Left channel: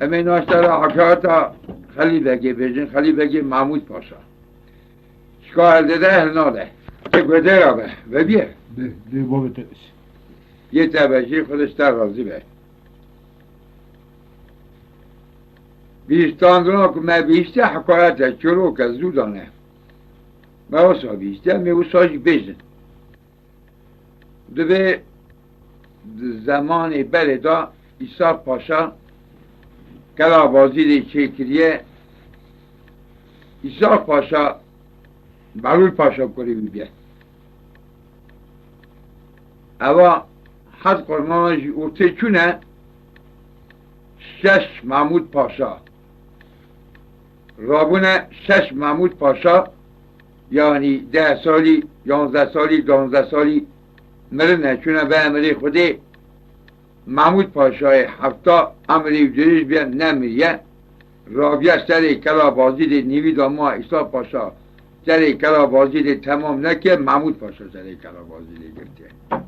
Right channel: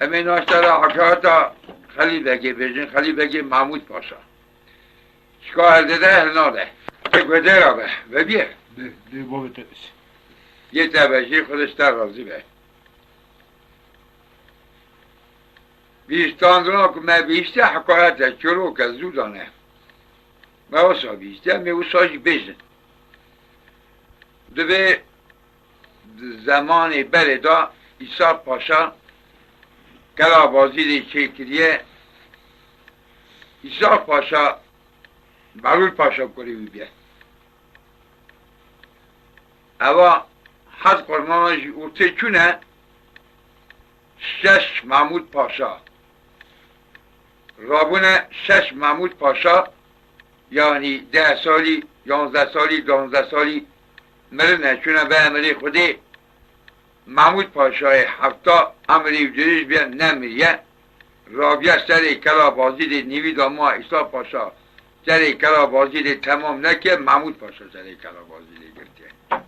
امی ناشتر حکایت خلیل بگی بیجن خلیل بگی محمود پاشا شکار داده هناله بگوده را به و بیه ده بابا تبش یه تبشی خودش در راضی به بیستاندونا که من بیشتر حکایت چلو که زودانه من واسه بیشتر می واسه بیجن دوی زمانی بره دا ایسا پاشا کلا بازی دی چکریه ایسا پاشا بلول پاشا کری بیه اما حد قرمانش اوته چونه شش محمود پاشا رابونه شش محمود پاشا یعنی 10 سالی 11 سالی 12 سالی مرنه چونه به امری خودی محمود پاشای هفتا امری جریش بیا نمیریه رابیه سر کلا بازی دی نیوی داما ایسا پاشا سر کلا بازی دی تمام نکه محمود پاشا سر کلا بازی دی گرده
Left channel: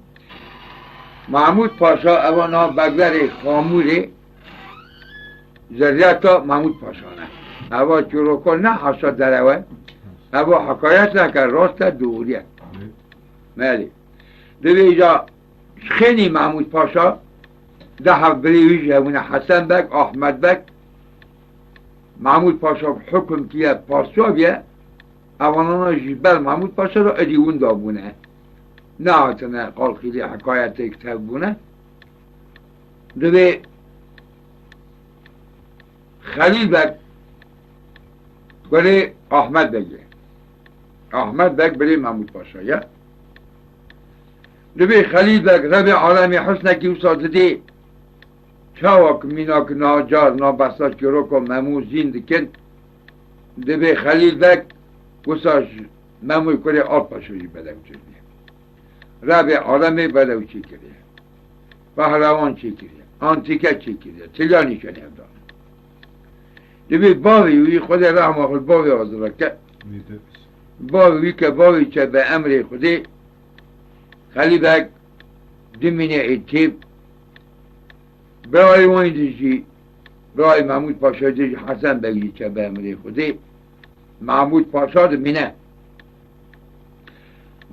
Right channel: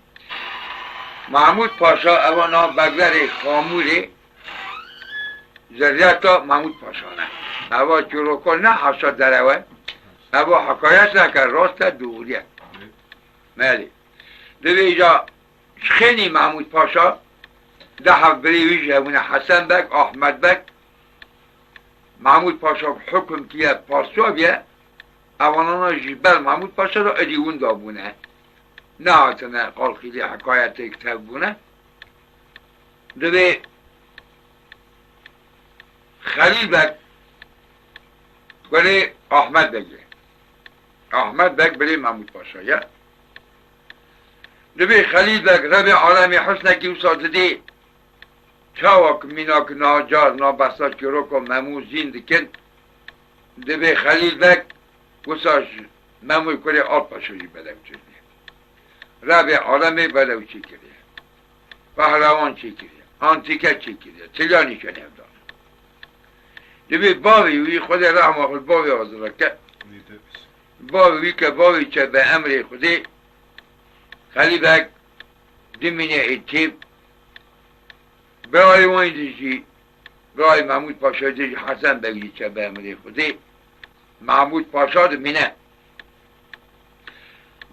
محمود پاشا اوانا بگذر خاموری زریعتا محمود پاشا نه اوا چروکا نه حشاد دروه اوا حکایت نکر راست دوریه مالی دوی ایجا خیلی محمود پاشا ده بریوی جوونه حسن بک احمد بک محمود پاشا حکم کیه پارسا بیه اوانانا جیبل محمود پاشا را ادیون دابونه نه آتنه قال خیلی حکایت اکتب بونه دوی خلیل بک بری احمد بگه احمد بک بری محمود پاشا یا دوی خلیل بک رب عالمی حسنکی و سازده چاوک میناک ناجار نابسا چروک و ممو زیند کن دوی خلیل بک گساش مموی کره آب پاشوی بدم چنده رب عالمی بدو چی کرده پهلوان چی کرده آنتیکه چی کرده تلیانی کنه دار دوی باوی وی خود رحمه خود باوی آزرا که باوی که باوی چه به امر خودی خلیل بک دمینه ایتیب برای وان دیجی برای محمود پاشا دیجی حسن بگی چه به امری خودی محمود پاشا دمینه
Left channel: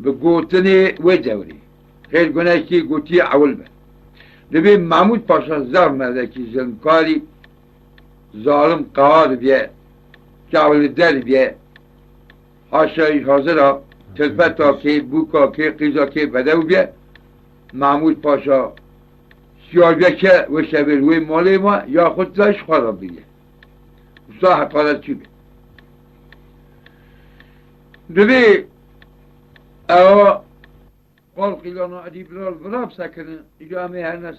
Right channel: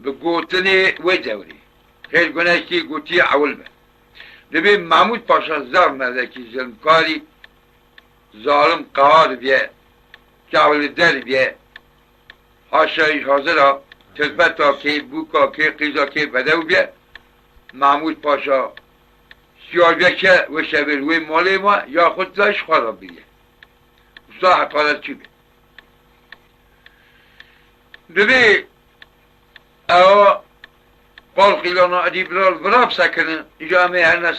به گوتنی و دوری خیلی گناشتی گوتی اول به دبی محمود پاشا زر مدکی ظلمکاری ظالم قهار بیه جاول در بیه حاشایش حاضر تلفتا که بوکا که قیزا که بدو بیه محمود پاشا سیاگه که و شبیل وی مالی ما یا خود داشت خراب بیه اصلا حقالت چی بیه دوی او قال خیلانا ادیب را براب سکنه جامعه هرنا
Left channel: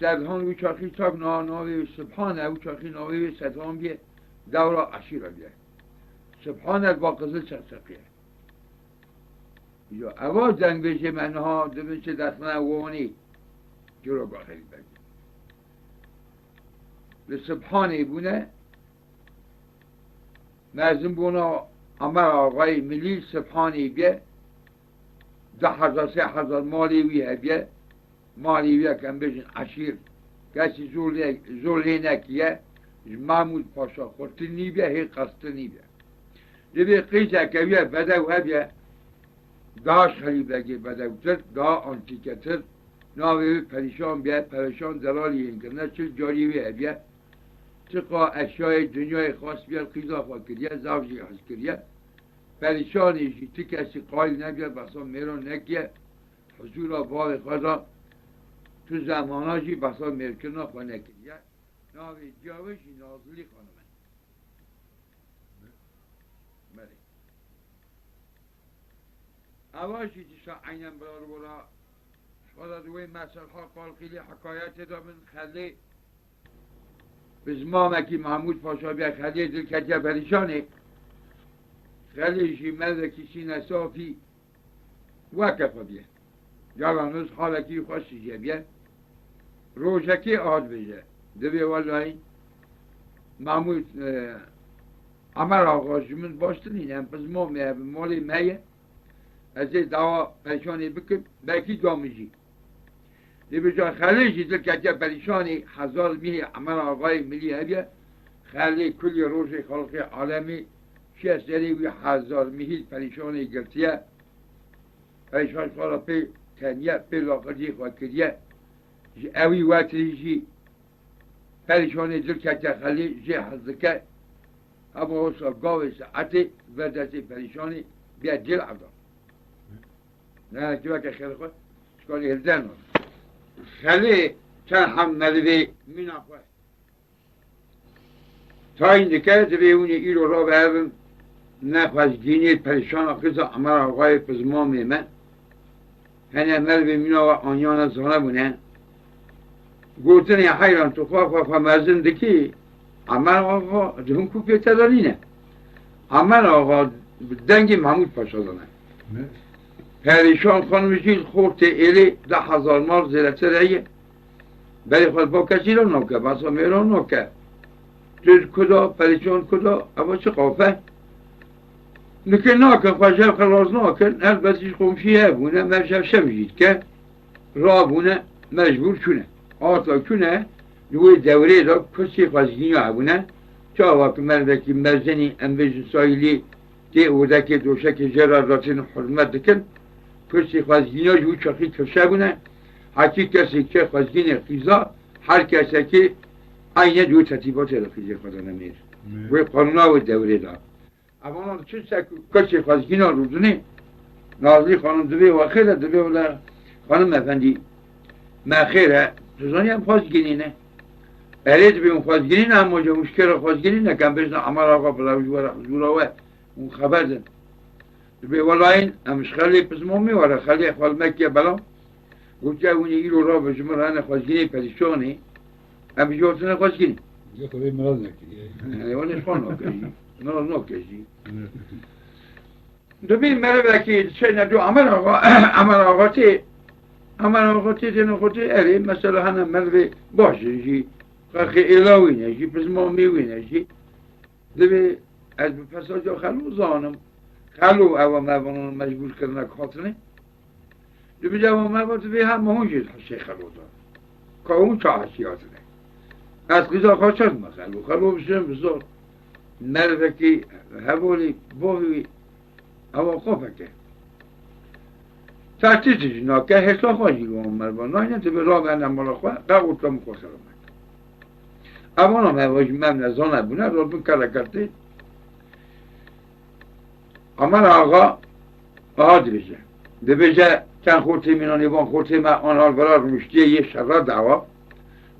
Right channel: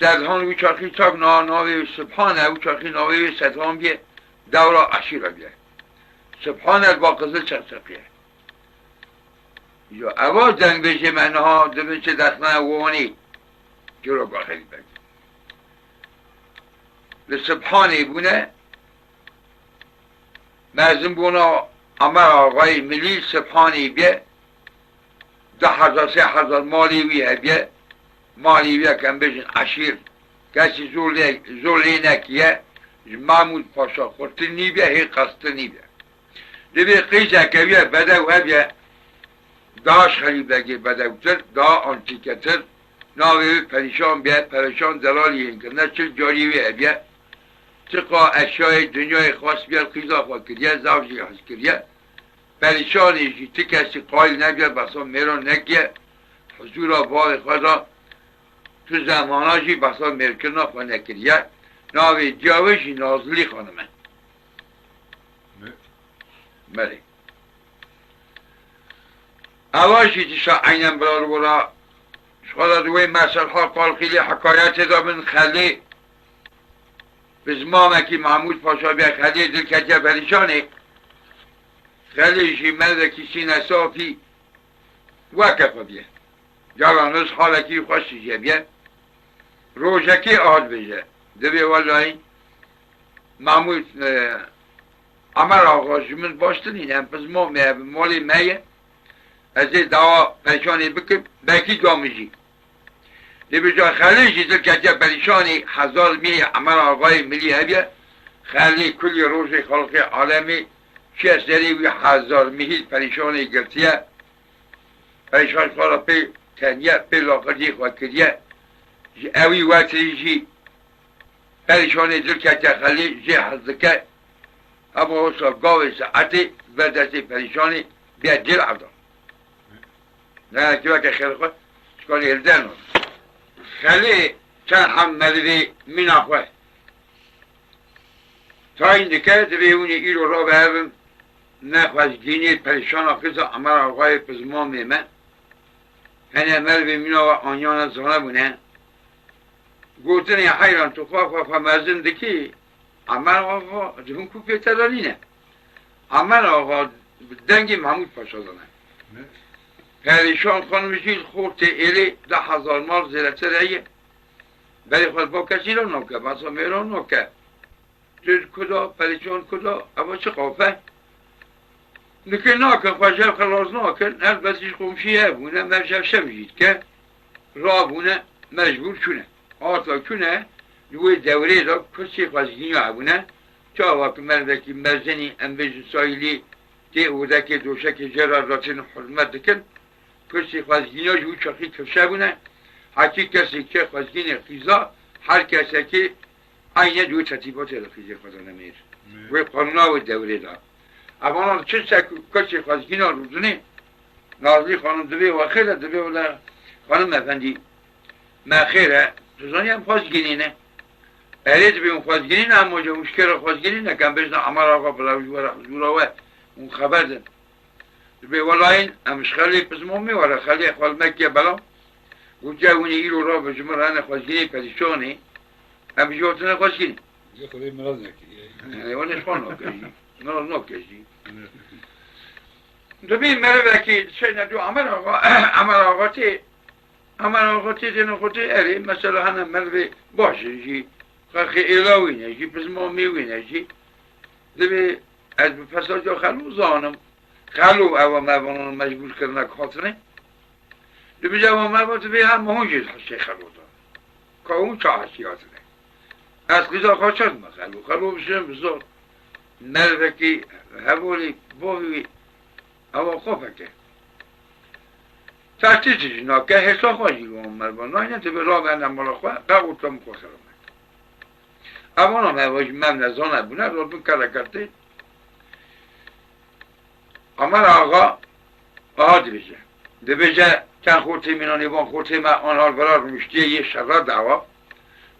سدهان وی چاکی چاک ناوی سبحانه وی چاکی ناوی سدهان بیه دورا عشیره بیه سبحانه با قزل چرچقیه یا اول جنگ بشه منها دوی چه دخنه وانی جلو باخیل بگه لسبحانی بونه مازم بونه امر آقای ملی سبحانی بیه 10,000 3,000 مالی ویه بیه مالی ویه کم بشن عشیر کسی زولی نکیه محمود پاشا خورتنی بیه هی قصدنی بیه دوی قیچه که بیه بدو بیه داش خیلی بگه بدوتر دا آنتیکتر ناوی پریشان بیه پریشان دلالی این کنه چل جاری بیه بیه چقا اشیای دنیای خواست بیه قیزا خواست کریه زوجی خواست کریه پریشانیشی تی کسی قایل نبیه بسا میران نکیه حضور آبای خدا تو زماناشی بسا مرکنا خوا نکریه ناوی جاوشی نازلی خانمه بله اواشی تیشا اینم برار برا شخدا دوی مسئل ها قال خیلی حکایت دا من خلی بزمامکی محمود پاشا بیا خلی دل کچه پریشانه خلیشی مدکی سینه صافی وکف بیه جلانوز حالکی خوشی بیه روشکی آد بشه دوی والای محمود امر آقاش من باشتنینم پس ما مالی میه از این دعا پشانی بکن بکی دامجی به جا خلیجی دل که پریشانی 1000 میلی عمل آقای ملی هبیه خلی کلی روز خلق عالمی چه سری و 1000 میلی پریشانی گرتیه پریشان خورا پی تنیه پی لاغردی خود کردیه اوی وقتی جی پریشانی دل که خلی جی حضکه اما حسا گاوی ساعتی بردستی پریشانی بیا دل عبدان نه که خیر خود شکالی هردن خلی چند هم مردی من آخوه تا این دکره دوی اونی ایرو را به هرم نخوزگینی پریشان آخیز عمر آقای پزمان من هنه مردی من آقا آنیان سانه بونه گوتنی حیران تو خواه مزن دکی عمر آقا جهون کوپی ترانینه عمر آقا دنگی محمود پاشا دانه پریشان خانمشی خورت ایلی 10,000 مال زیرته رایه بری خود با کسی را نوکه بسا میران نوکه جد کدا پریشان کدا اما چه قافه نکه ناکن خوشم خلاص ناکن هر بسیش خمشیه بونه مرشب شمجید که را بونه مجبور چونه آتا چونه دوی دوره دا کسی خوزگینی ها بونه چا وقت مردکی مزنی انبیج سایلی که اوده دوشک جرار راتین حرمت دکن کسی خوزگینی ها جو چاقی کفشه بونه حکی کسی که خوزگین خیزا هر کسی که اینه دو ترتیبات رخیزی خدا نمیر و قانونا و دوره دا اما چه کسی خوزگین ها روزنی نازلی خانم دوی و خیره دوی و خانم افندی ما خیره روزانی هم خوزگینی نه برای دوی اون خوزگینی نه هم موجه مشکل خوزگینی نه کم بشن عمر آقا بلاوی حضورا و اون خبر دن دوی ولاین همش خیلی پزمومی وره خیلی خوال مکیه بلا گوچه اونی ایرو را به جمران خوزگینی پریشانی هم جوتنه خوزگینی یه خواهی مراز نکی وانش خواه نوکشی مراز نوکشی دوی مره بکی چه ندو عمر آقا تی دنو خوتی اری مثلا هنه مره باشه جی خلقی ایلاوی نشی پزمومی نشی دوی از فصل جا خلو زانم خلو او موانان مجبور کرنه کاتنه دوی جوان موانت بی هم مهنجید حسی خلو دارم که اون چه حسیاتنه از قضا خواهد خلو بشن بزار نرده که حوالی بوهی او خوفه که تحتیزش ناکه حسا خواهی رو مربان ناینه تو به راه بندم بالا خواه قبول تا مخواهد اما نمواج من نزانه بونه رو بون کاره کرده اما آقا بها دی بجه چند خورتی منانی بان خورتی من آنها برار مشتیه یه شرا دعوا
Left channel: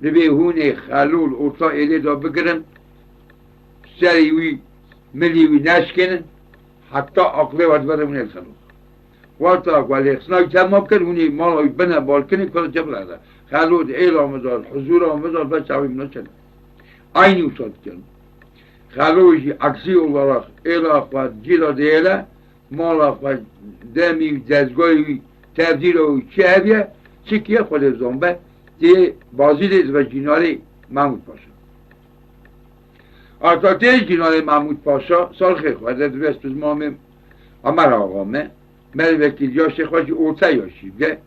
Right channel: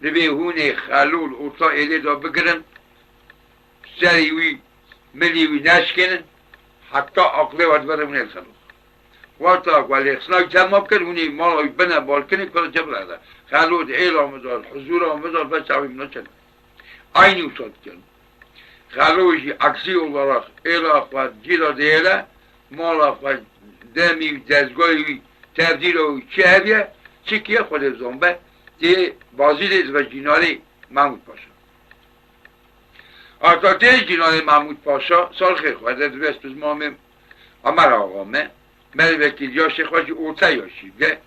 دی به هونی خلول ارتا ایده دا بگرن سریوی ملیوی نشکنن حتی عقله ودبره من السنو واتا ولی اخصناک تمام کرد هونی مالای بنا بالکنی پر جبل هده خلول ایل آمدار حضور آمدار بچه هاوی منو چند aynı usatken. Xaloji aksi olarak elafa cila deyele malafa demi dezgoyi tebdil o çeviye çikiye خود زنبه diye bazı ve cinali Mahmud Paşa. Atatürk cinali Mahmud Paşa salxi خود دست biz mamim Ömer ağame melvekil yaşı xaci orta yaşı ve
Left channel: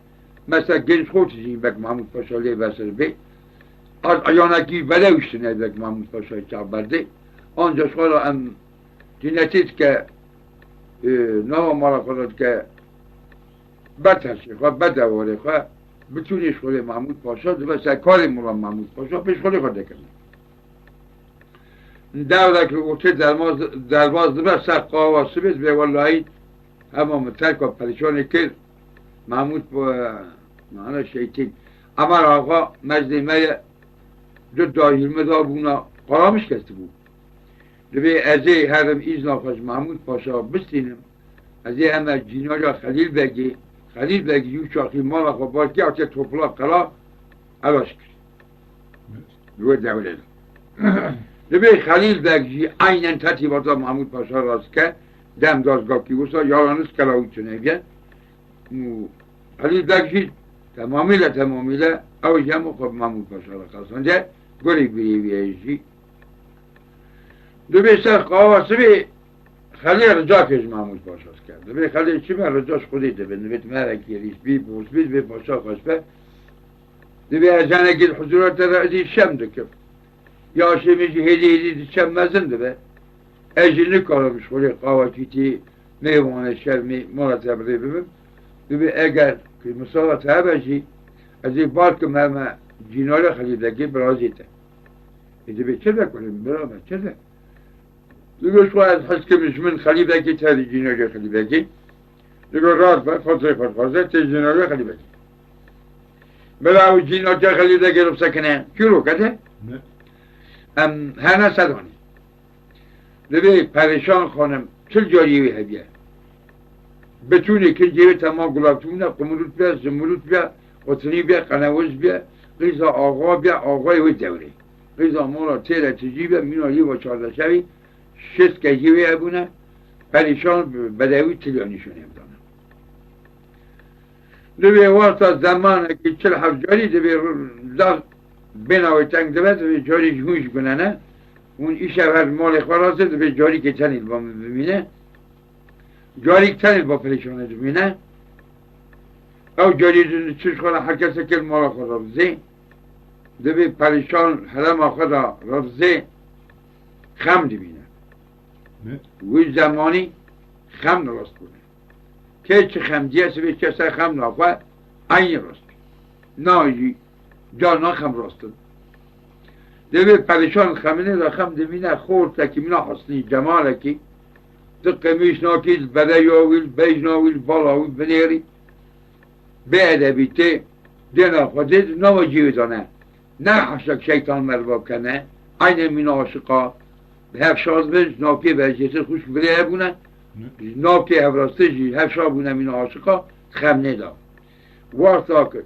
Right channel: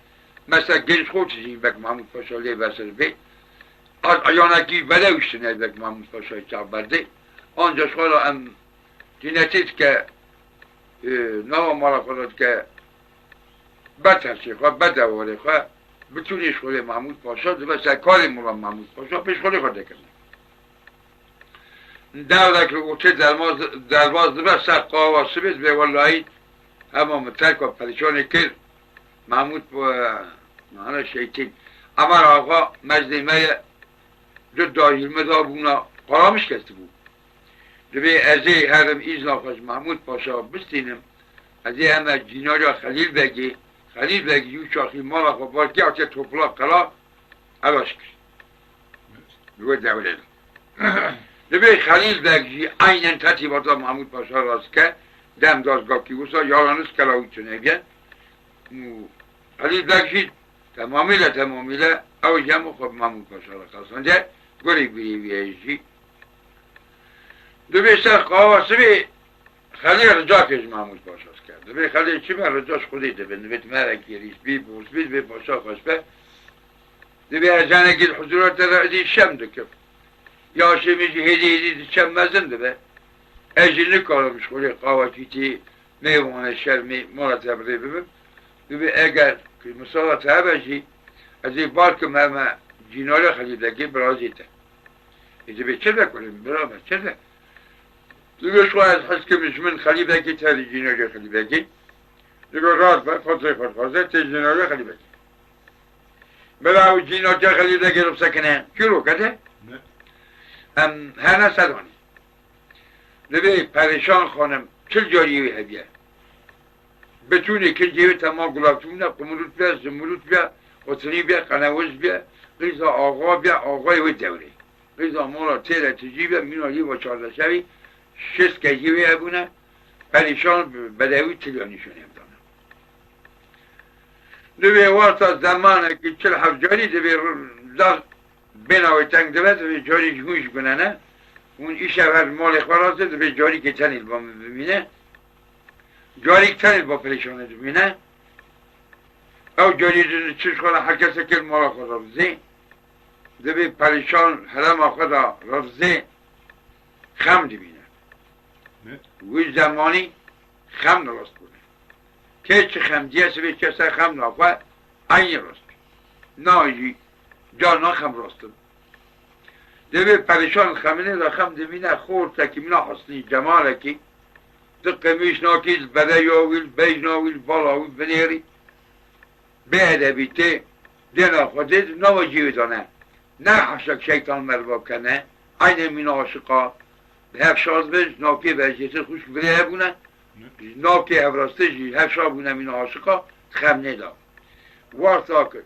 mesela genç xoçi bek Mahmud Paşa le vesel be ayağındaki vele üstüne bek Mahmud Paşa'yı çabardı. Ancak sonra hem dinletit ki نام مالا خودت که بترسه خواه بدواره خواه بتونیش خود محمود پاشا و سرکار مولا محمود پاشا پیش خود خود کنه در که اوچه درواز و سر قاواسی بید به والایی همه ترک و پریشانی کرد محمود با معنی شیطین اما آقا مجدیمه جو داهیلمه دا بونا قرامش کسته بود به ازی هرم ایزنا خوش محمود پاشا بستینم ازی همه جیناجا خلیل بگی یو شاخی مالا خواه که آچه توپلا قلا علاش کشت روی دوله به خلیل بگی اینن ترتیباتا محمود پاشا راست کرد دم دازگاه کی اوسا یارانس کلاوی چنگه خلیل بگی تمامیله او جمع خوب محمود پاشا را خواستنده گلی بیشی دوی سر قواسی بی خلی رجا کش محمود پاشاست کرد دوی خلی چی من رجاش خودی ده به نویت مرکی ریس بی پوست بی پاشا خوش به دبي أجانا قد حضورات رأدي شم دكب يا شميش هدي شم مزن دبي أجل نكالم شخولي قاوتيتي ميوان الشرمي مرتب ريبم دبي أجل كمصالة هبجي أزي باركم هما جينالي خليدكي برازيته إذا بيتشذا كلهم برابر شذا لقى شوية حس كمش من خليدكي تالي جينالي خليدكي لقى غارفة فترة فرفازة تجينالي خليدكي بلا جينالي خليدكي ربسكنين كيلو كده هر نصدانی لبه پریشان خانم چل جاریوی هدیه بتونه کل جیوی تمام گلافتونه قمرود بیا زمرود بیا قطنی بیا قنوز بیا غیزا آقا بیا آقای وی دوره غیزا مالا تیره تجی بیا مینا یه با 14 شوی 6 که جیوی هبونه پریشان بدوی تلیانیشون امدانه لبه وقتا زمانه که چل حف جاری لبه بناوی تنگ دوست به جاری جموش کننه اون ایش اول مال خوراسته به جاری که تنیل با ببینه جاری که تنیل با پریشانه ببینه او جاری جز چش خواهد هر کسی که مال خود رفزه به پریشان حرم خود رفزه خم ببینه وی زمانی خم راست کنه که چه خم دیست به کسی خم نافه این راست نایجی جانا خم راستم دبی پریشان خمینه دا خم دبینه خورد تکی منا حسنی جماله کی دقه میش ناکیز بده یاویل بیج ناویل بالاویل بنیری به ادبیته دینا خودید نو جیوی دانه نه حشک شیطان مرباب کنه این مینا عاشقا هف شاز بج ناکی برجیت خوش بریه بونه ناکی هف راسته جی هف شا بونه مینا عاشقا خم ندا وارتا کد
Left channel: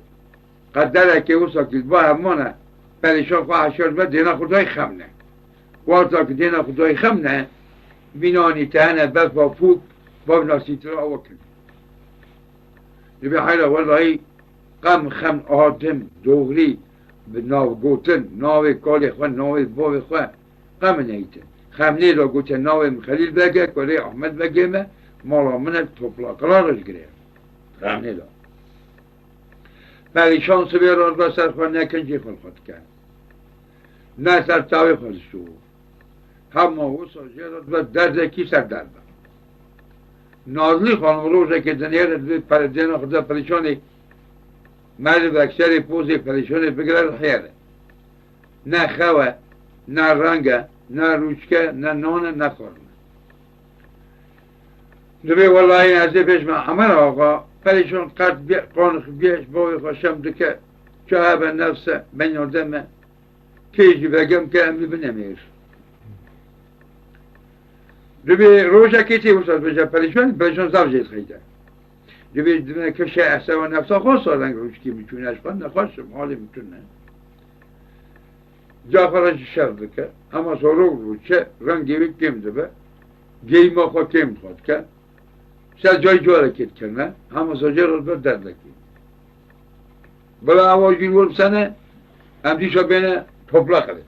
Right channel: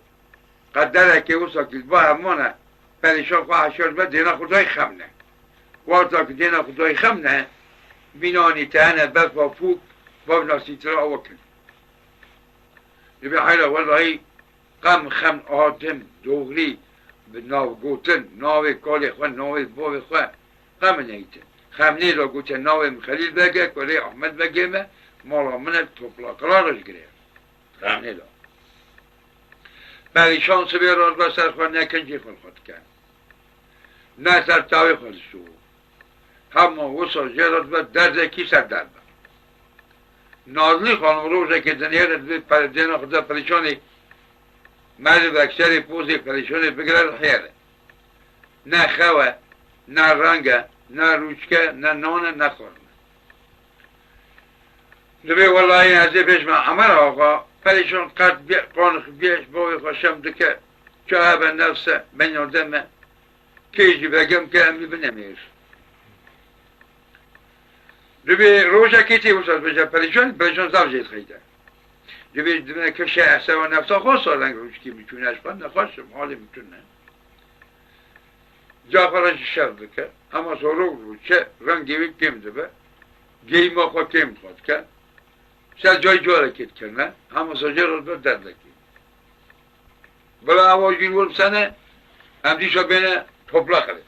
قدره که او ساکید با همانه پریشان خواه شد و دینا خدای خمنه وارتا که دینا خدای خمنه بینانی تهنه بفا فوق با ناسی ترا وکن نبی خیلی والله قم خم آدم دوغلی به ناو گوتن ناو کالی خواه ناو باو خواه قم نیتن خمنه را گوتن ناو مخلیل بگه کالی احمد بگه مالا منه توپلا قرارش گره خمنه را پریشان سبی راز با سر خود نکنجی خود کرد نه سر تاوی خود شو همه وصا جرد و درد کی سر درد نازلی خانم روزه که دنیارت پردین خدا پریشانی مرد و اکثر پوزی پریشانی بگرد خیره نه خواه نه رنگه نه روچکه نه نانه نه خورنه نبی والله این ازی پیش من عمر آقا پریشان قد بیا قانخ بیش باوی خوشم دکه چه به نفسه من یادمه کیجی بگم که امی بنمیر دوی روزه کیتی وسط بجا پریشان زوجیت خیده دوی دونه کشه احسه و نفسه خواه سالنگ روش کی میتونه اشبان نخواستم حالی میتونه جا فرش شر دکه اما سالو روچه رنگیوی کم دبه گیما خواه کم خود کرد شاید جای حرکت کنه همه ساجه رو بر دردکی بلا آواجین ولب سنه امدیشا بینه توپلا خلید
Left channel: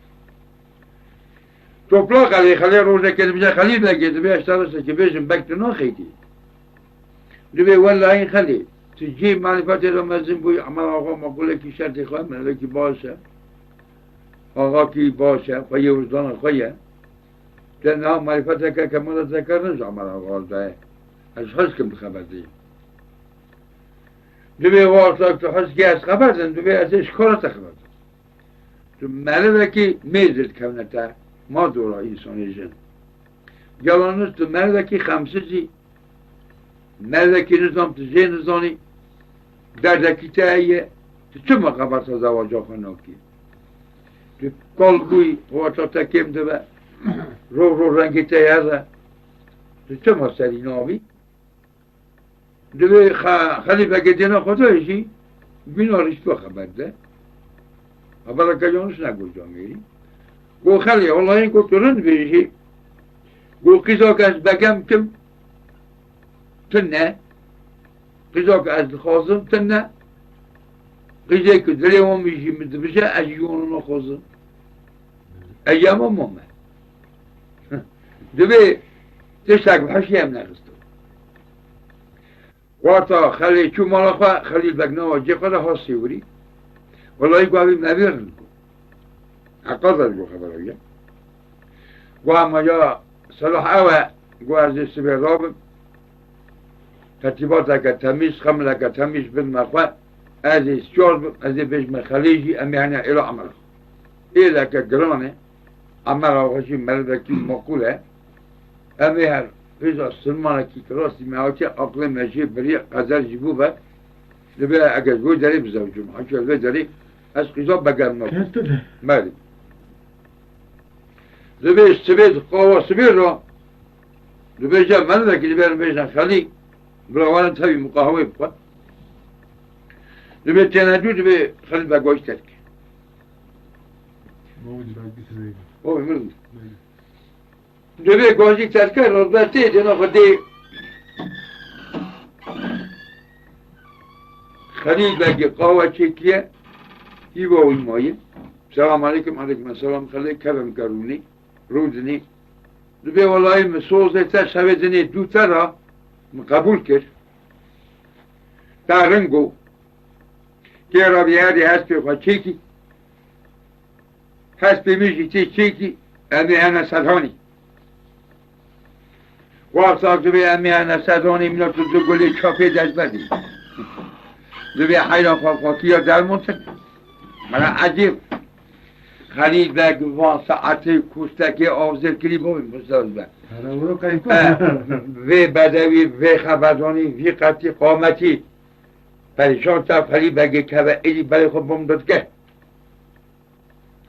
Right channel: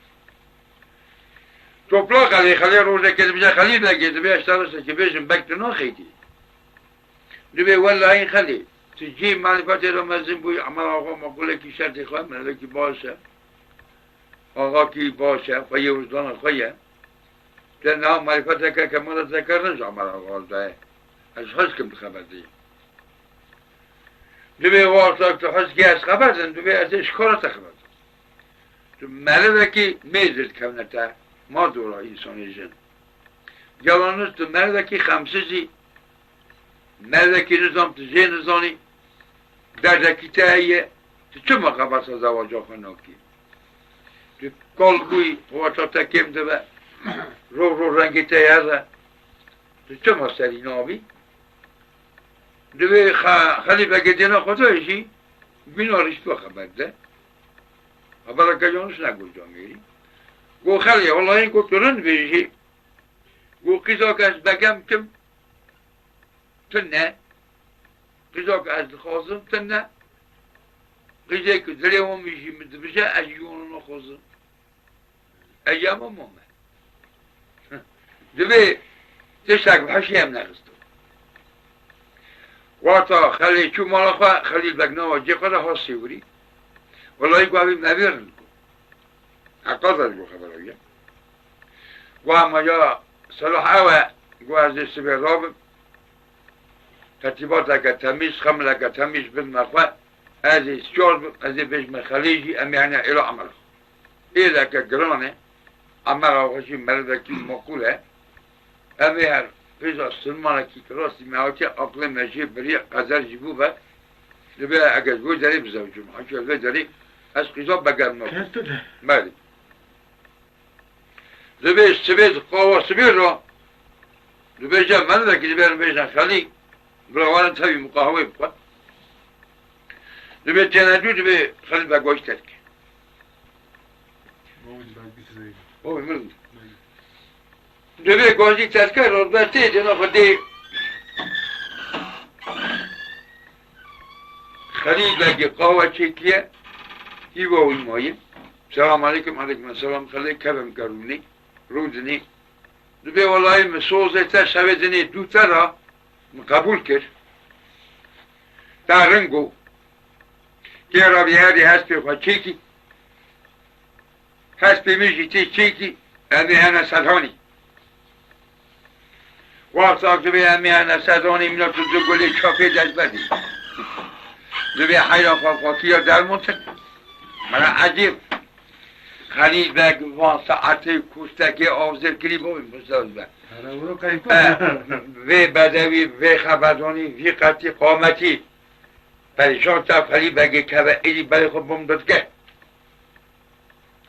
توپلا خلی روزه که بیجا خلید لگه دبی اشترسه که بیشم بکتنو خیدی دبی والله این خلید تجی معرفت رو مزین بوی عمل آقا مقوله کی شرط خواه منده کی باشه آقا کی باشه و یه روزدان خواه که نه معرفت که کمال ذکر نشو عمل آقا ده از خواست کم خبر دی دوی واسه تو خواست که از خبر دن دوی از اشکالات خبر دن تو مرده که میزد کونتا ما دورا انسانی جن جوانوز تو مرده که خمسزی مرده که نظام تو زی نظانی درده که تاییه تو چه مقابل سا زواجا خناکی تو کالگوی واسه تکیم دوه رو رنگی تاییه تو چه مستری نامی دوی خلیفه که دینا خدایشی بیناریش تو خبر ده خبر که جانوش نگو جانگیری گو خلیه والله این که ترند بیشی گو قیزا که از بگم کم تنه قیزا که از خازم تنه قیزا که دلی هم میشی مدبشه از یونو نخوازم ایام هم همه دوی تشتاک بحشی هم نخستم واتا خلی چو مالا خواه خلیل بگنا و جه خدا حاسی وری والله گویی نویرن عقاد جو خبره گوه ما یا صلاح اوه گوه از سبه رابم ترتیبات اگه تمیز خمل اگه تمیز بن مخواه از شرب از بجم خلیجی امی هنه الى عمل ایده که گرانه عمل آقاشی مردکی مقوله امی هر پیزا سلمانه کی کراسی معاتی اقل مجی بری قدر جیبو با لبه اگه گوی داری بزوجم حاکی گوی داری از قیزا بگم نکن مالی لبه سبید قوة سبید رو لبه جا مردکی لبه بیشن خلی براوانا تاوی مقاهوه بکن لبه تنادو لبه خلی بگوش ترک اوه مرد لبه گوشی ترکه رو برده دینا خودی خلی بگی قوة چکیه هیوا و ایمایی سلام علیکم علیکم السلام خلی کرم کرونی رودنی لبه والله مسوزه تا شویدنی دو ترا قبول کرد در رنگو که را بیاری هست به خود چیکی هست به میشی تی چیکی امی هنه صدهانی وقت به امی هنه صدهانی منو تو دو گلی چاپه دست بدی لبه حیران خواکی ها در منتق من عجیب خلید بگ وان ساعت کوستکی آوزر کلی بویم بساز بگ و بدوی و خبردانی وی قطی قامتی پریشان تا خلید بگی که و ایلی برای خود بوم که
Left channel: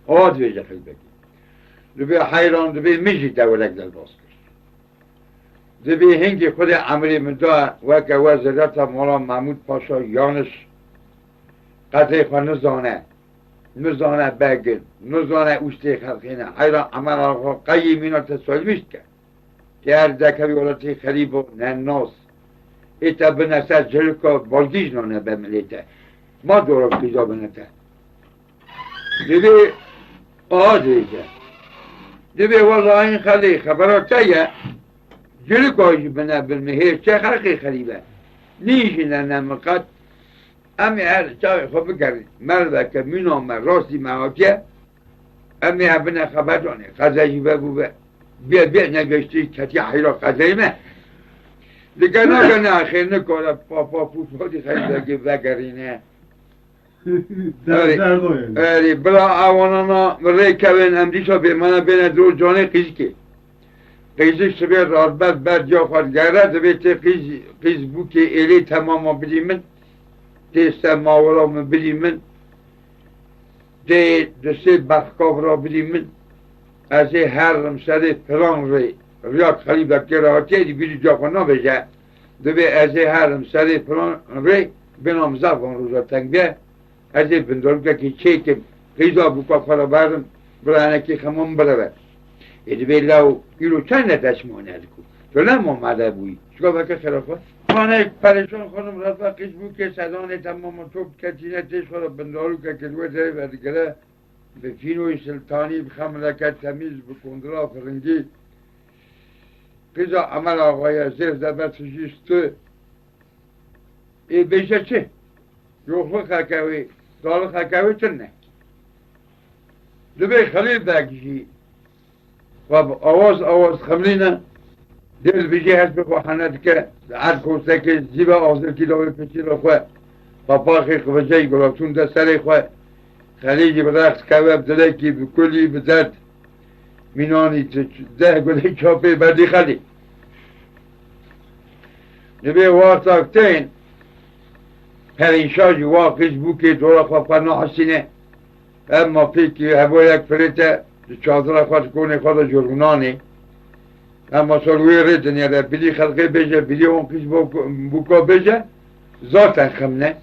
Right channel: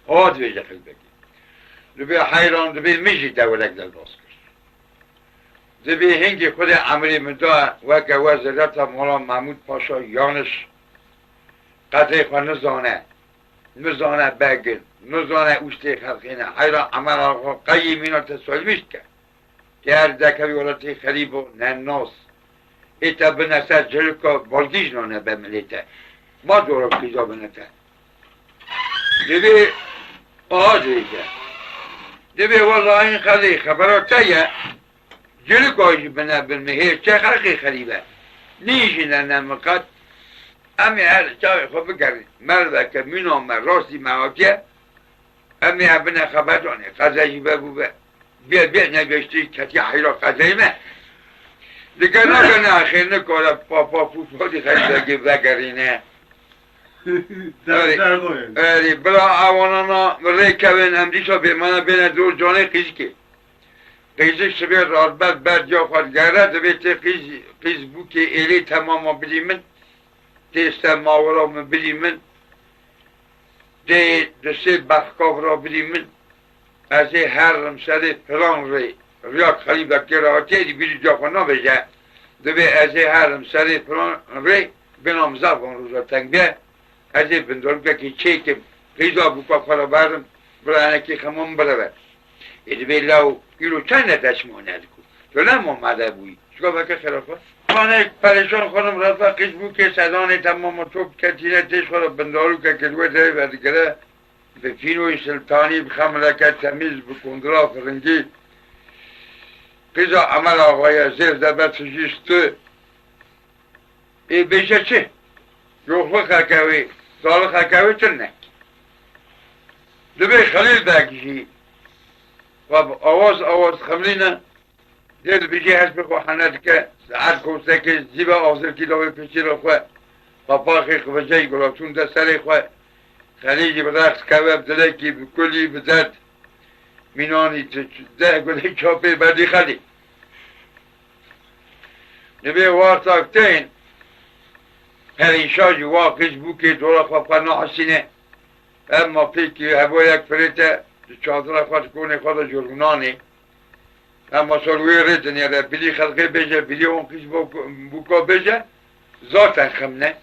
آد ویجه خلید بگی لبه حیران لبه میشی دولک در باز کرد لبه هنگی خود عمری مدعا وکه وزارت مولا محمود پاشا یانش قطعی خود نزانه بگن نزانه اوشتی خلقینه حیران عمل آقا قیمین تصویل میشت کرد که هر دکوی ولتی خریب و نناس ایتا بنسر جلکا بالگیش نانه بملیته ما دورا قیزا بنته دیبه آجه دیبه والله این خلی خبراتیه جلکاشی بنا بالمهیر چه خلقی خریبه نیشی ننمقد امی هر چاوی خوب بگرد مرد که مینام من راستی موافیه امی هر بنا خبر دانه قضایی بگو بیا نگشتی کتی حیرا قضایی من دیگه نگه خیلی نکاره پاپا فوتبالی خیلی بگرینه بلا اوانانا مره کوین امریشا به من بین دو جانه قیز که قیزش سبیر رادبت برد یا خود گره دویت قیز بو که ایلی تماما بلی من دیستم ماورا من بلی من دی دسته بخکاف را بلی من از هر سر پلان ری ریاک خلیب که راحتی دی بیلی جا خود نبیجه دوی از هر سر پلان ری بنام زبان روزا تنگه از بندرگه که چیکم قیزا بکا خورا بردم برانکی خمون برود ایدی بی لو ایلو چند تشمانه دکو تو نمون مده بوی چگاه بکر خرافه؟ مانه پریشان خودم رفت قیز بو که صدانه تمام توب کتیره تیش خورا بندارو که کلوه داره بردگره به فینوی سلطانی بخملکت تمیز بکندرا فرنگی قیزا عمل آقای زیر دبت سجیست ای بیشه چه؟ یوخوه خاکوی زال خاکوی چنک لبه خلیل بگیشی و آواز خملینه دل بیشی هست بخوا خانت که هر کوسته که زیبا آوزر کتاب پیچی را خواه و پاخی خوشهی گلابتون ده سر خواه خلیجی برخص کواب دلکی بکلی بزد مینانی ده گلی چاپه بردی خلی نبه وارتاکتین هرینشاجی واقعش بو که دورا خواه پناه حسینه اما پیکی هوا یک فریته چادر خواه کنه خواه جرگونانی اما سالوی ریدن یاده بلی خلقه بجه بلی اون کش بوکا بجه ذاتن خمنه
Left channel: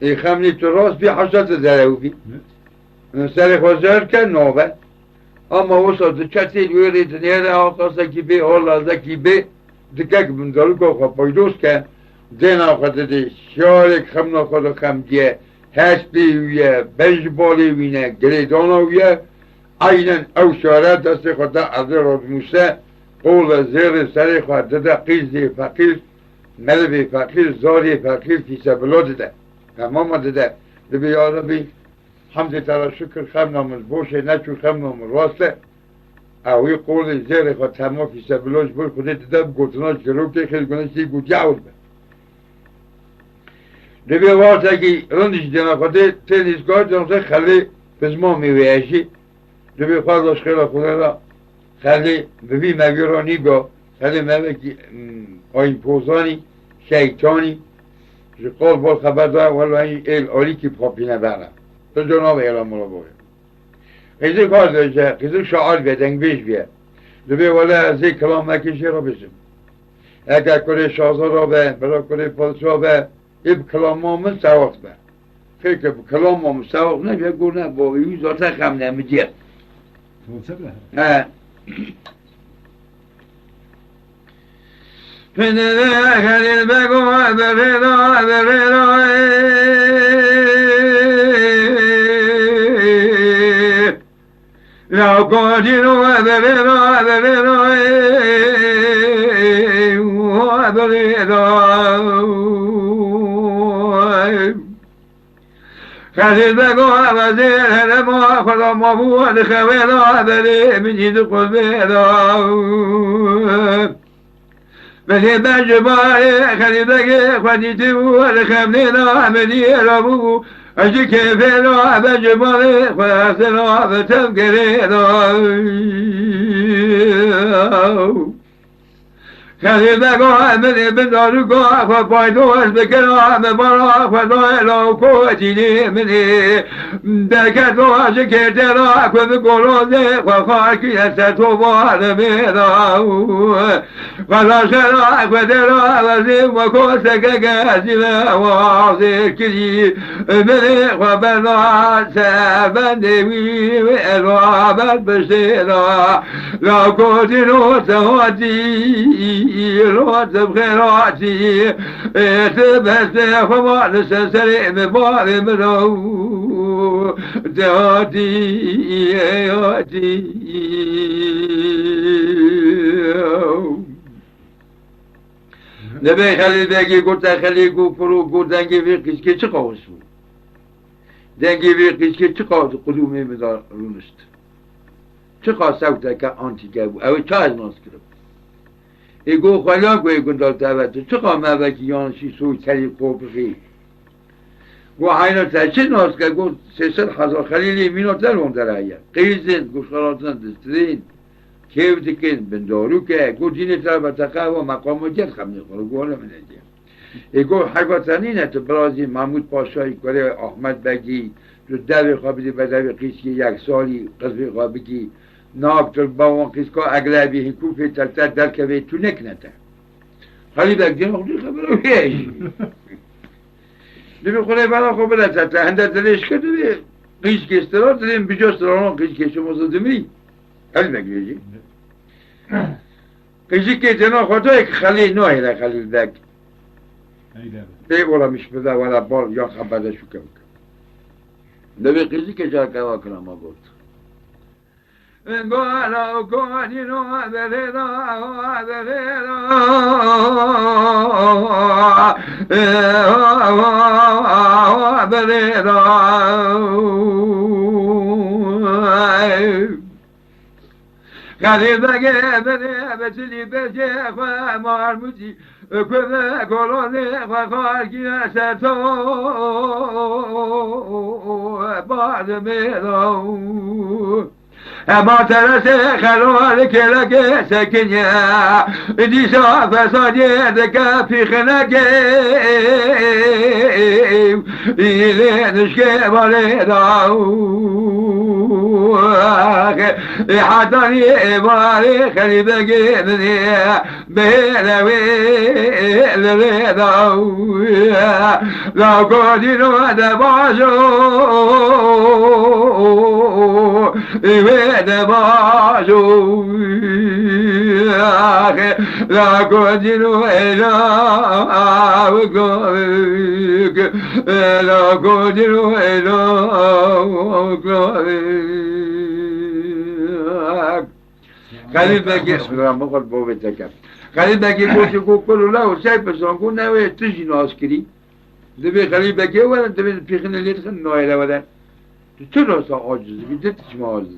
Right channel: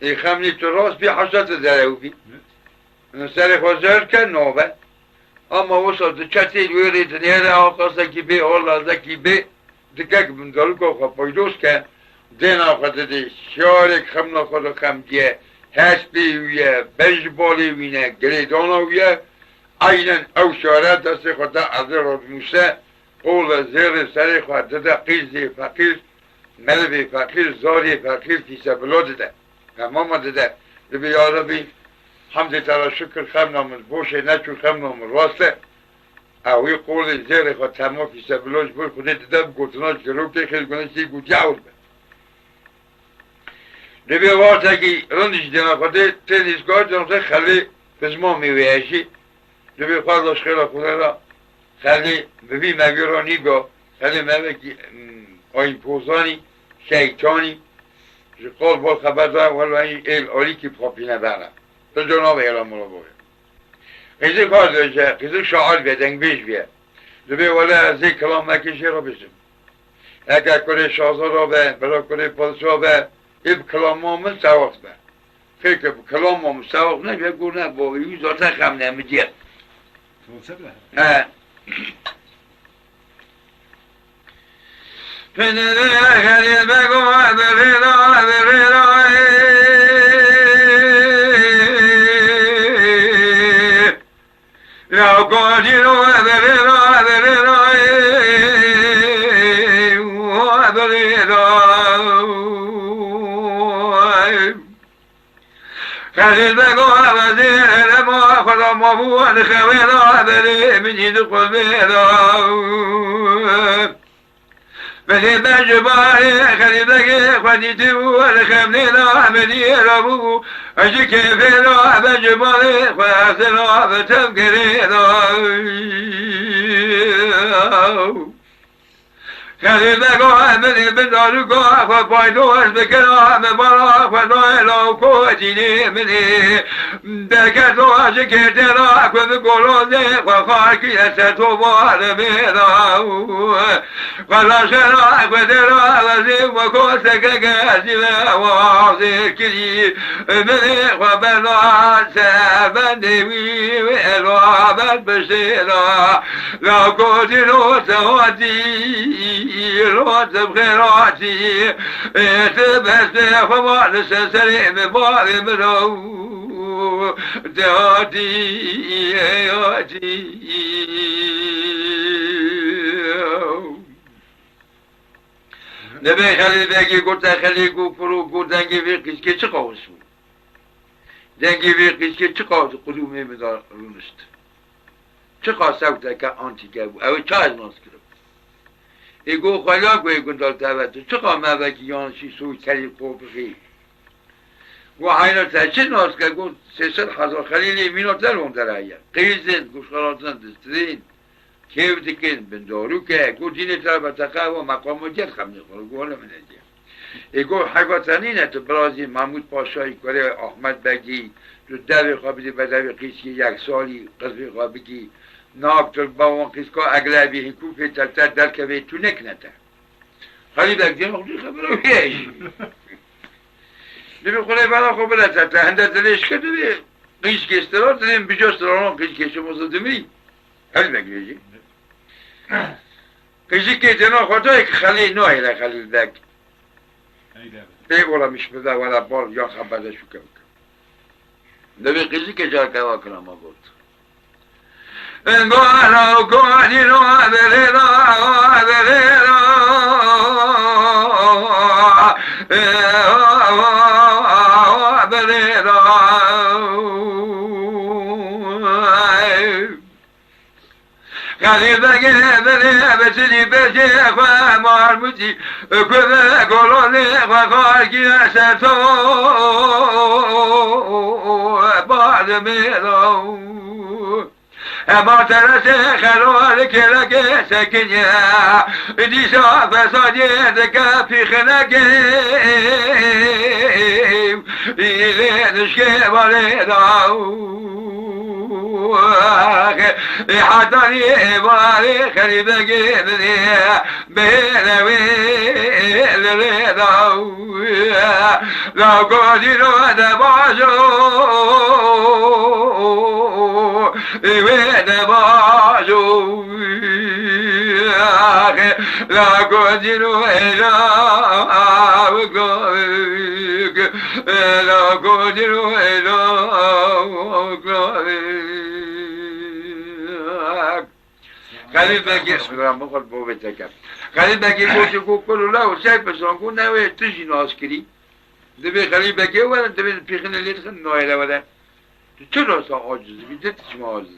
ای خمنی تو راست بی حشات داره بی سر خواه زهر کن نوبه اما وصل ده چتی لوی ریدن یاده آقاسته کی بی آلازده کی بی دکک بندارو که خواه پایدوز کن دینا خود ده شارک خمنا خود خمگیه هستی ویه بنج بالی وینه گریدانا ویه اینن او شاره دست خود ده از رادموسه قول زیر سر خود ده قیزی فقیر ملوی فقیر زاری فقیر فیسه بلا ده تمام ده لبي يا ربي حمد ترى شكر خمنا من البوشة ناتشو خمنا من الواسطة او يقول الزيري خد تهمو في سبلوش بول خدت دب قلتناش كروكي خيل قلنشي قو جاول بي لبي واسطة كي رندش دينا خدت تنس قاد جنسة خلي بزمامي وياشي لبي خواردش خيلا خلال خلي ببي مغيراني قا خلي ملكي آين پوزاني شيطاني جو قول بول خبر دار والله این آلی که پاپینه برم تو جناب ایران مولا باید قیزه کار داشته قیزه شعال بیه دنگ بیش بیه دوبه ولی از یک کلام مکیشی رو بشم اگر کنه شازا رو به بلا کنه پادشاه به این کلام ما مستوق به خیلی که کلام ما مستوق نبیه گو نه با ایو ذاته خم نمیدید بني بجباري خليدك خديتي ولخمنينا مني ربو أجيك فينا بجباري خلصنا بتفكرينا خليدك مني بندارك فبايدوش بكرا ببرا فدويلو كوتيني مني دكتو شكرتنا فبقولوني وخاكي ستوبا لمينا فلاشنا فدرا وزيم وكوسك كاسما وعصير كلي مني وبنا سابني وإلوابت بشيرا لا كوتنو سواتي روت بخيراتي تبسي فما نسسري ببالي منو داتي ياتي نبي خلي دنگی گوتا خلی گو فرو گو دنگی وی قیسکه چه قاوس بود دنگی وی قیسکه چه قاوس قلومی مدار رونست چه قاوس اوتا که آنتی گبو اوی چه از ناس کرد ایگو خلا گوی گندال تاوتو چه قاوم اوکی یانشی سوی تری قوبخی گو حینا تا چه ناس کرد گو 300,000 خلیلی مینوتر هم در آیا قیزن گوشخالاتن دسترین کیف دیکن بندارو که گو دین تربتقه و مقام و جد خم نخوره گو حالا من نجیم ایگو حقاتنی نه تو برازی محمود پاشایی کاره احمد بگی تو دو خوابیدی بدوی قیسی 1 سالی قضبی خوابیدی ناب تو باوان قیسکا اگلابی حکوفی تلتر در که تو نکنه تا حالی بگی نخوری خبرو بیش نبی خوره بنا خوب بلتا تا هنده تلش کرده قیس کستران تنیم بجاست رانان قیس کشم وزدمی حالی بگی قیسی که تنها خودایی که خلی نوهی را خلیل بگ بی اولا مش بده ولا بار یا خبرده شو که بکن نبی قیسی که جا کما کنم ما بود انگانا کنی رو دلینا خليل بقي بني بسني بشي اخوة مرمجي كذا قولوني وخارجي اساتو بعد منو ما ترسي خلولك لك سكنيا دي شاف فسادي دكا في خناقي إلي نشكي مريضاو حضري باري خلي بقي مني بيلوي لريضاو لو قدروا دباجو دباجو لا قدروا إلا وقالك لا قدروا إلا وقالك خليل بقي مغل بوبتك خليل بقي بوشكو كله لا وسايب سانكو ناوي تجي ناسكري دبي خليبة كي ولا دبي بيخن اللي تخن نويلة ولا تشلو صار عاجز بدت ما عاجز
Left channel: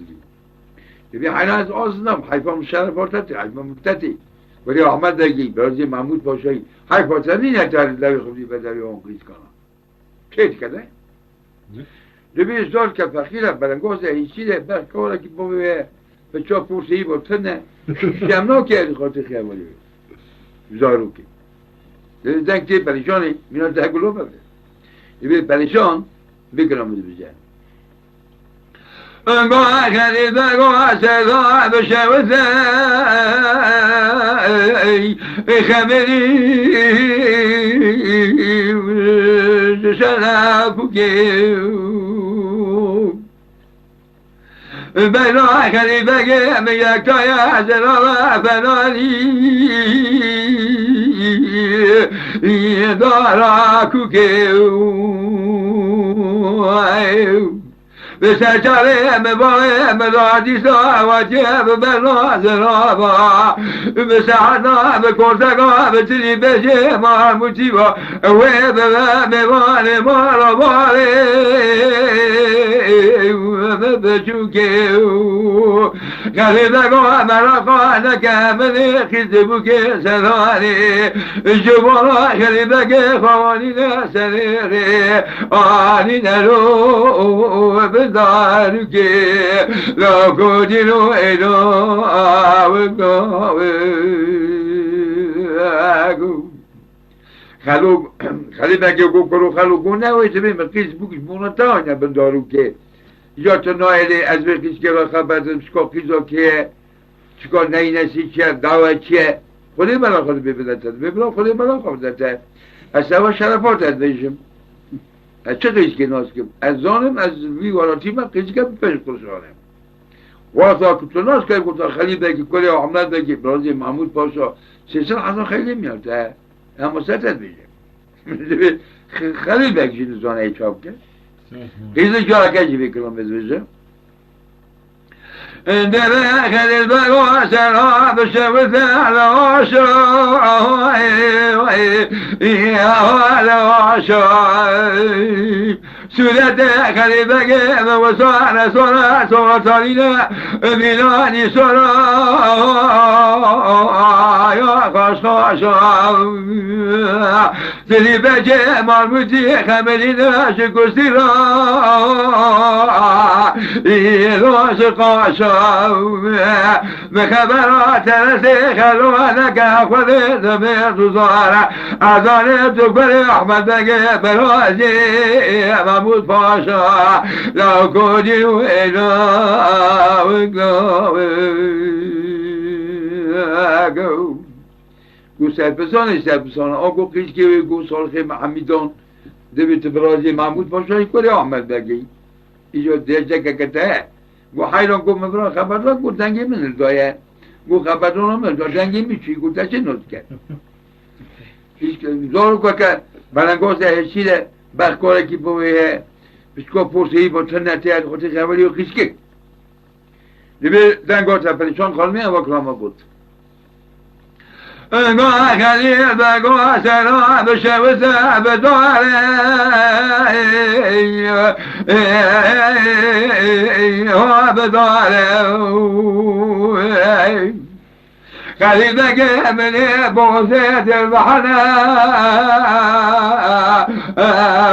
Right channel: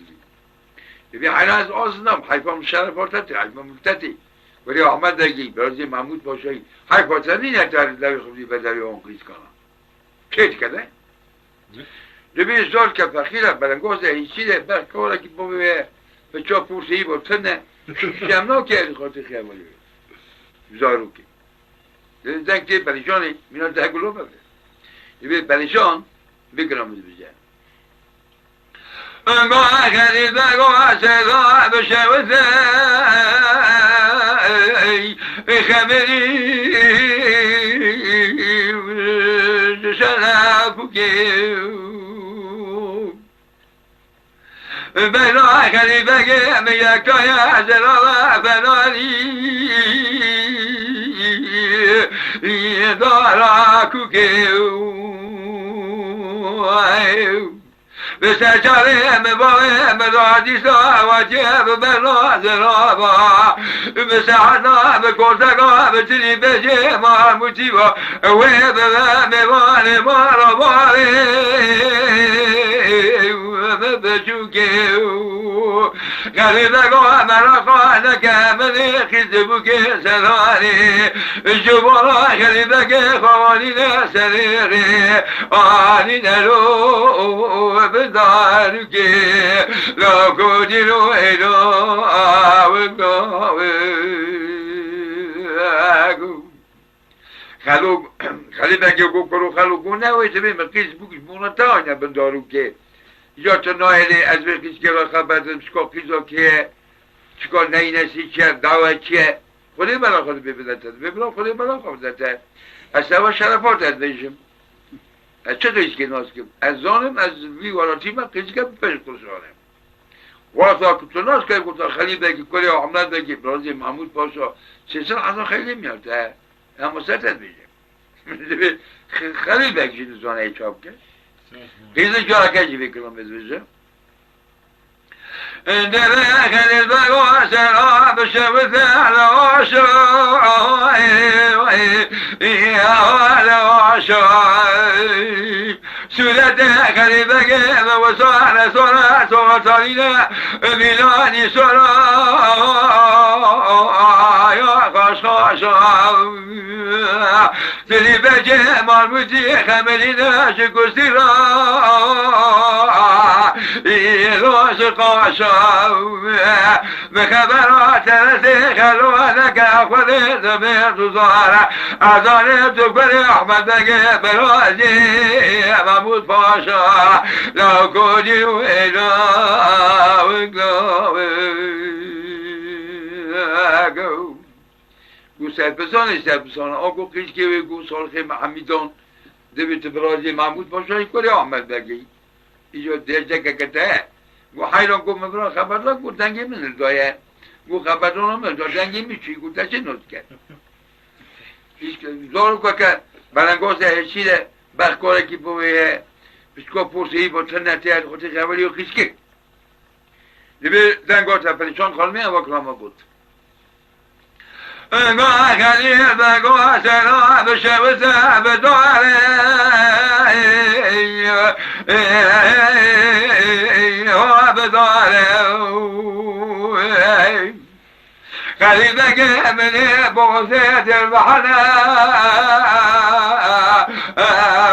دبي حناس أصلا حيفا مشان فرتتي حيفا مفتتي ولي أحمد دقيق برزي محمود باشي حيفا تاني نتار لا يخلي بدل يوم قيس كنا كيف كذا دبي زول كفخيلة بلنجوز هيشيله بركورة كي بومي بتشوف فرصي بتسنة جمنا كي خاطر خيالي زاروكي زين كي بريشاني من التهجلو بقى يبي بريشان بكرم البجان ما كان يدعو سيدا بشوزي خمري شنافوكي بلا خليفة مياك يا زرار فنالي داراكو بسجاري مباري مدادي ساواتي ببلا زرابا بسعنا بكورتاقا بتري بجي مع المتيبا ويبا مباري مارا باري بشوكيو خليدكو مرقو نكامني خزبوكي سراني جبرا خليدكي خوانينا سريري آني نرو بداركي لو كودينو إدو آوكو خليدكي كوكرو خلو كونه ويسبين مقيس بوكش مونتانيا بنداروكي یا تو نایلی از وقتی که خبر دادم سکوپیزو که چیکار نینسی چیه دعوت چیه خودی بلا خود ببینده ببلا خودی بلا خود داده از سوا شرفات از بیشم از چه دویست که ناز کم از زانم از ویواراتی من قیزی که پیش کشانم واسه کتو ناز که کتو خلیده که کلی احمد بگی برازی محمود پاشا سیسن حسن خیلی میارده اما ستت بیشم خلیل بگی نزانه ای چاپ که قيزة جارة كاجي كلام بزوجة دلا خلي البقوة سلام بالشمس على وشو على وشو سورة خلي بقى وصار صار صارينا بلاني صار يا خاص تلي بجي مرمجي خملينا شكوسيرا إيروس قاشا بخبرات رسي خلوانك أخذ زمير صار أداني تكبر أحمد بقي برازي محمود باشا لو كوني وإنا وقلاوي گو سرپسان آگو قیش که گو سالخه محمیدان دویت برازی محمود باشایی کلی آمد بگی ایجا دیجه که کته گو حیران گو مبران خبردان گو دنگی من دایه گو خبردان من دا دنگی میچی گو تشه نوز کرد زارو که بلنگاز هشیده بخکاره که بویه بسکا پرسهی با تنتی از خاطر خبری و قیش که دوی دنگات پریشان خالمی هم وکرامه بود ما خليل بقوا سلام بشوز بداري هو بداري خليل بقى من بوزيت البحر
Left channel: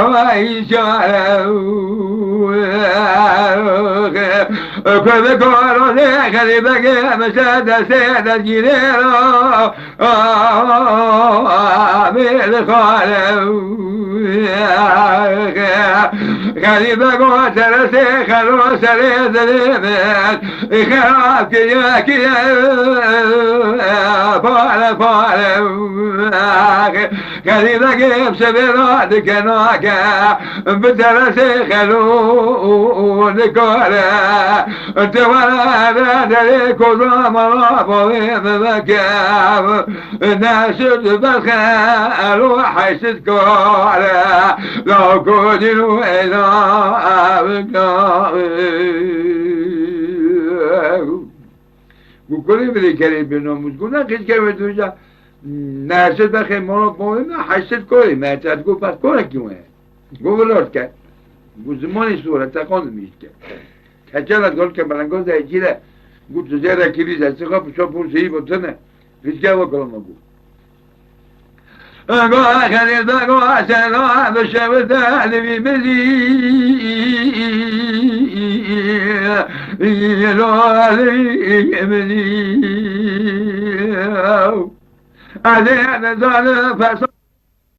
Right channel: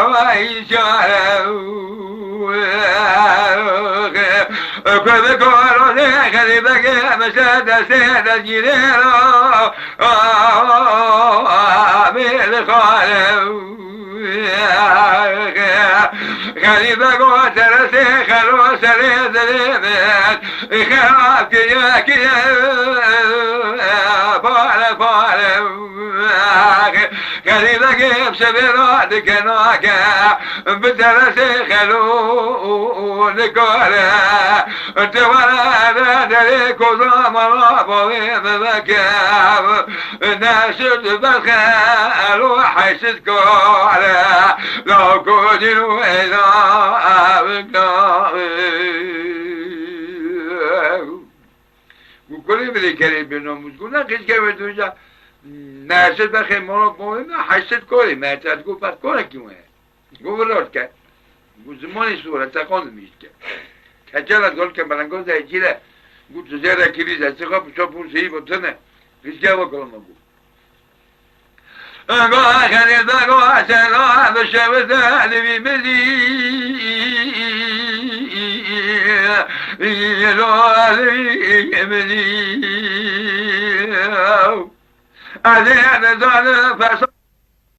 ويشاره كل كورو خليل بقى مشاد سيد الجنيرو من خالو غريبة قوت رسي خلو سري ذليمت خراب كيا كيا فال فال غريبة قيب سبيرات كناكا بدرسي خلو نكولا توالا دلي كوزا مرابوي بمكاب ناسد بالخال وحيسد كولا لو كودينو إذا وكل من الكريم بنومس قلنا كيش كيف توجه نرسد بخیر ما حسد کاری مرتد گفت پس کاره کیونه گفت ولاد کرد گفت زمانی صورت تقان میشه کچل گل که بلنگو زیجیره گفت زیاده کلیز هستی خواه پشا پرسیی بطنه ریسکه وکلم بود قال خريطة قال سلام بشبت علي بمدي يلو علي بمدي علي أنا زال فصل